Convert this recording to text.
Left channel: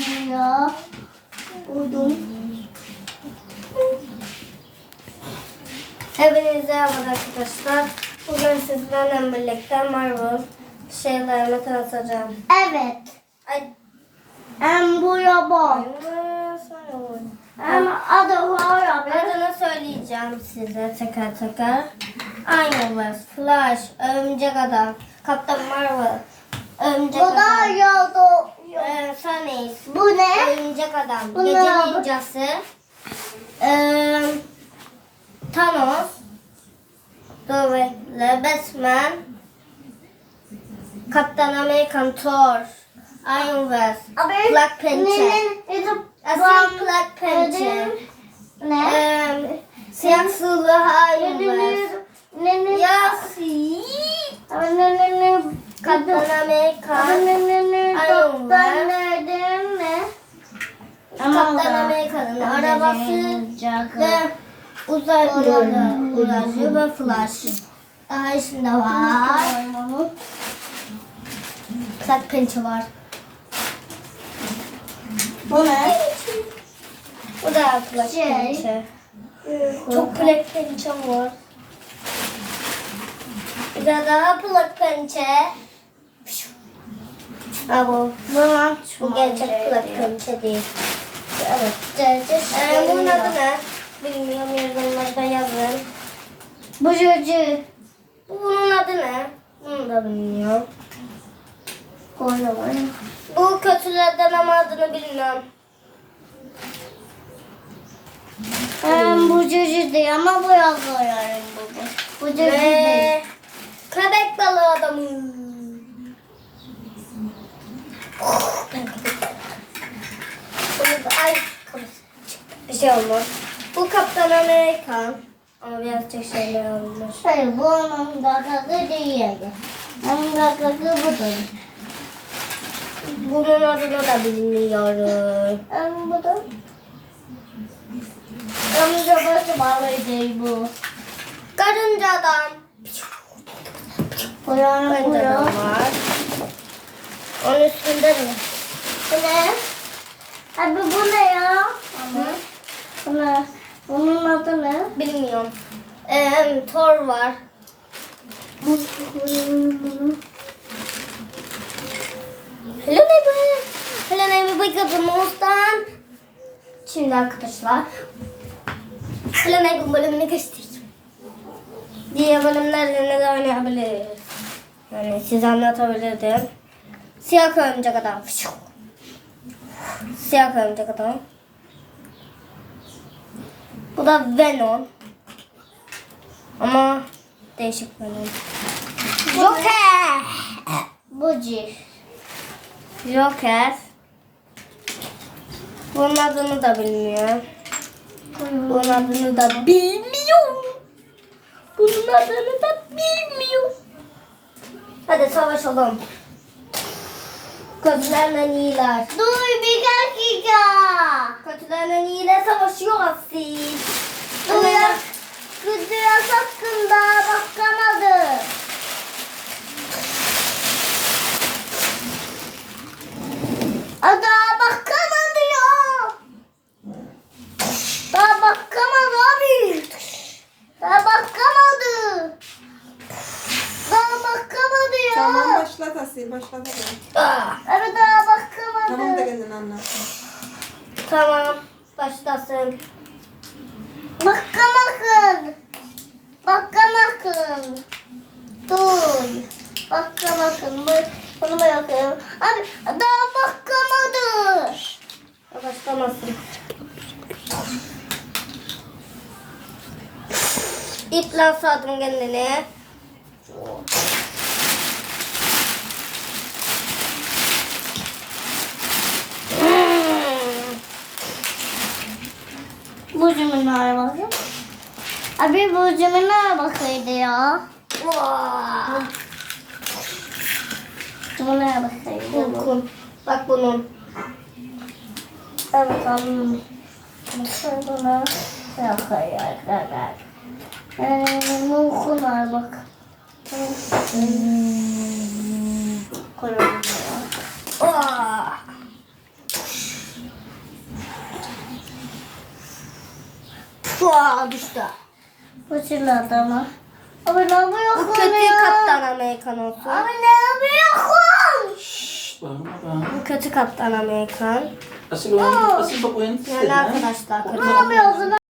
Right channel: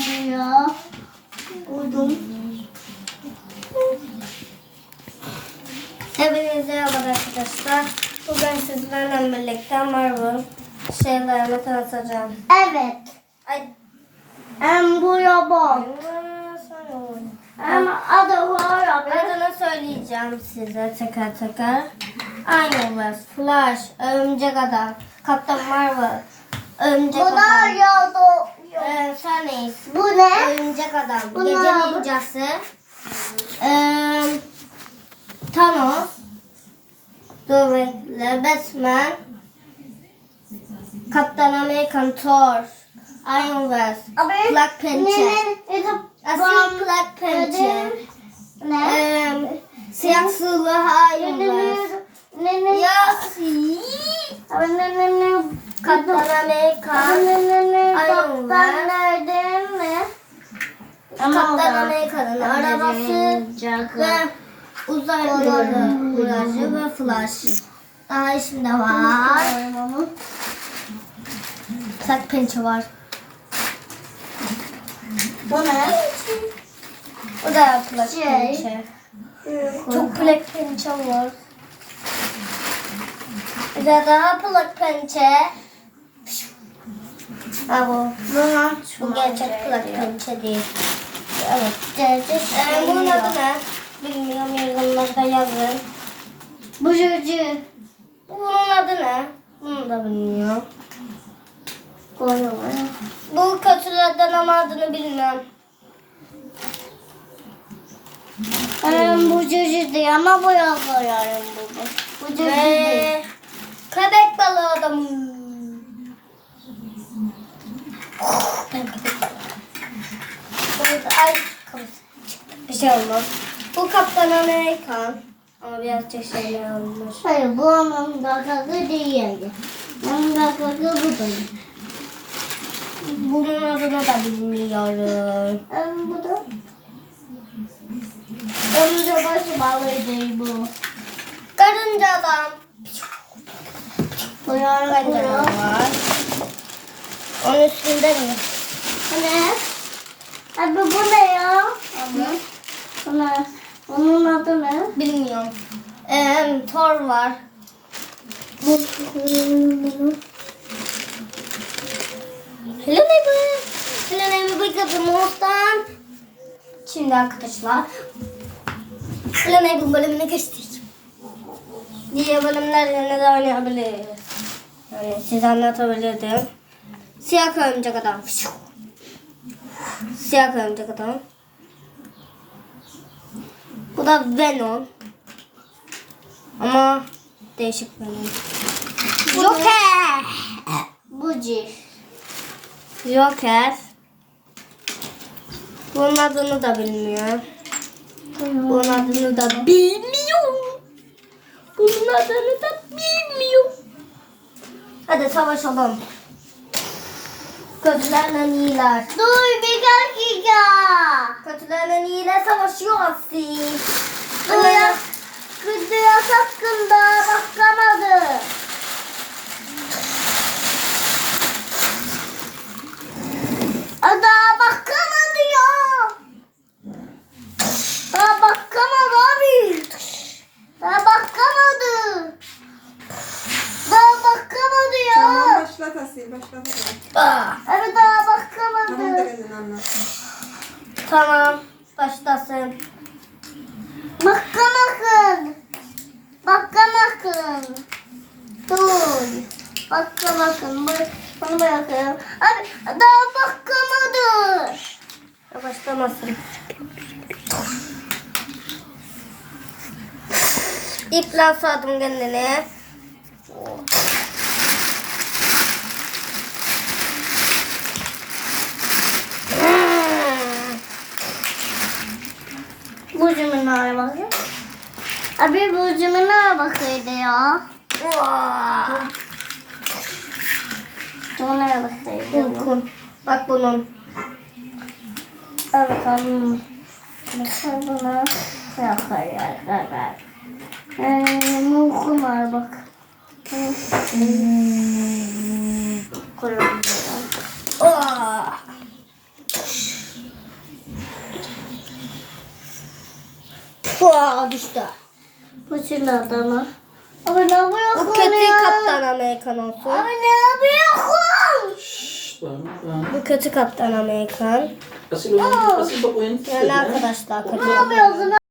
Ya. Buldum. Hepinize merhaba arkadaşlar. Bugün sizlerle birlikte Marvel şeylerimi tanıtacağım. Evet. Ay, En bu yaban. Ama adı var adını söyleyeceğim size teker teker. Iron Man, Flash, Örümcek Adam, Kaptan Marvel, Örümcek Bu da Adam, ya e, Sunny, Bu ne? Örümcek Adam, Bu Gece ne? Ninjası, e, Thanos, dur bekle, Batman, Kaptan Amerikan, Thor, Iron Man, Black Panther, Asil Black Panther, Ne? e, Siyah Sığlı Iron Man, Ne ne? Ne? Kaptan Amerika, Ne ne ne? Iron Man. Ben nereden mi? Kaptan Amerika'nın arabası ve uzaylılarla uğraşıyor ve Flash. Daha içinde var. Black Panther var. Bu ne? Bu da Black Şey. Panther. Çok Black Panther var. Bir de daha Black Panther. Ha bu. Bu gerçek Black Panther değil. Evet. Ee, bunun adı ne? Bilmiyorum yorumlarda yazın. Bu çocuğu. Bu bunun adı ne? Bunu da bilmiyorum. Bu kötülerden ama adını bilmiyorum. Ben bu çocuğu değil ama bu yazıyorum bu. bu. Değil. Ve köpek balığı adamı. Ben köpek balığı. Bunu da- Ay. Bir şey olmaz. Bu Kaptan Amerikan. Ama birazcık şeyler olmuş. Hayır bu onun da kadı değil. Onun da kadı bu da. Bunun adını da bilmiyorum. Ben bu da. Önce başı balığı değil bu. Karınca adam. Karınca adam var. Onun üstünde mi? Ne? Abi bu ne ya? Bu ne? Onun adı ne? Bilmiyorum. Ee, Thor var. Hello neighbor. Hello neighbor bakın Şimdi arkadaşlar. Hello neighbor bölümüne geçtik. Diğer bölümlerle ne zaman oynayabiliriz? Yani size anlatabilirdim. Siyah örümcek adam. Siyah örümcek adam. Bu da Venom. Ama değişik Venom. Joker. Buci. Joker. Bunun adını da bilmiyorum. Bunun adını da bilmiyorum. Bunun adını da bilmiyorum. Hadi savaşalım. Kötülerle iyiler. Dur bir dakika. Kötülerle iyiler savaşıyor Asil. Kıdıya, kıdıya hakkında bakamadı. Daha bakamadı ya. Daha bakamadı abi. Daha bakamadı. Daha bakamadı ya. Tamam başlat Asil başlat hadi. Ah, Abi daha Tamam da bakamadı. kendin anlat. tamam. Başlasın. Bakamakın. Bakamakın. Dur. Bakamakın. Bu- Bunu bırakıyorum. Abi daha bakamadı. Başlamasın. İple sardım kendini. Bu cümleye bakayım. Abi bu cümleye bakıydı ya. Vaa. Cümleye bakıydı. bu. Kun. Bak bunun. Evet tamam. Bakın buna. Yakar yakar. Ee, mumkum var bak. Koyalım. Vaa. Pua düştü. Fırçaladı ama. Abi ne yapıyorsun Bu kötü ya? Kaptan Amerikan olsun. Abi ne yapıyorsun? Şşş bağırma bağırma. Bu kötü Kaptan Amerikan. Asıl oyun, asıl bak oyun Yani arkadaşlar. Ne yapıyorsun?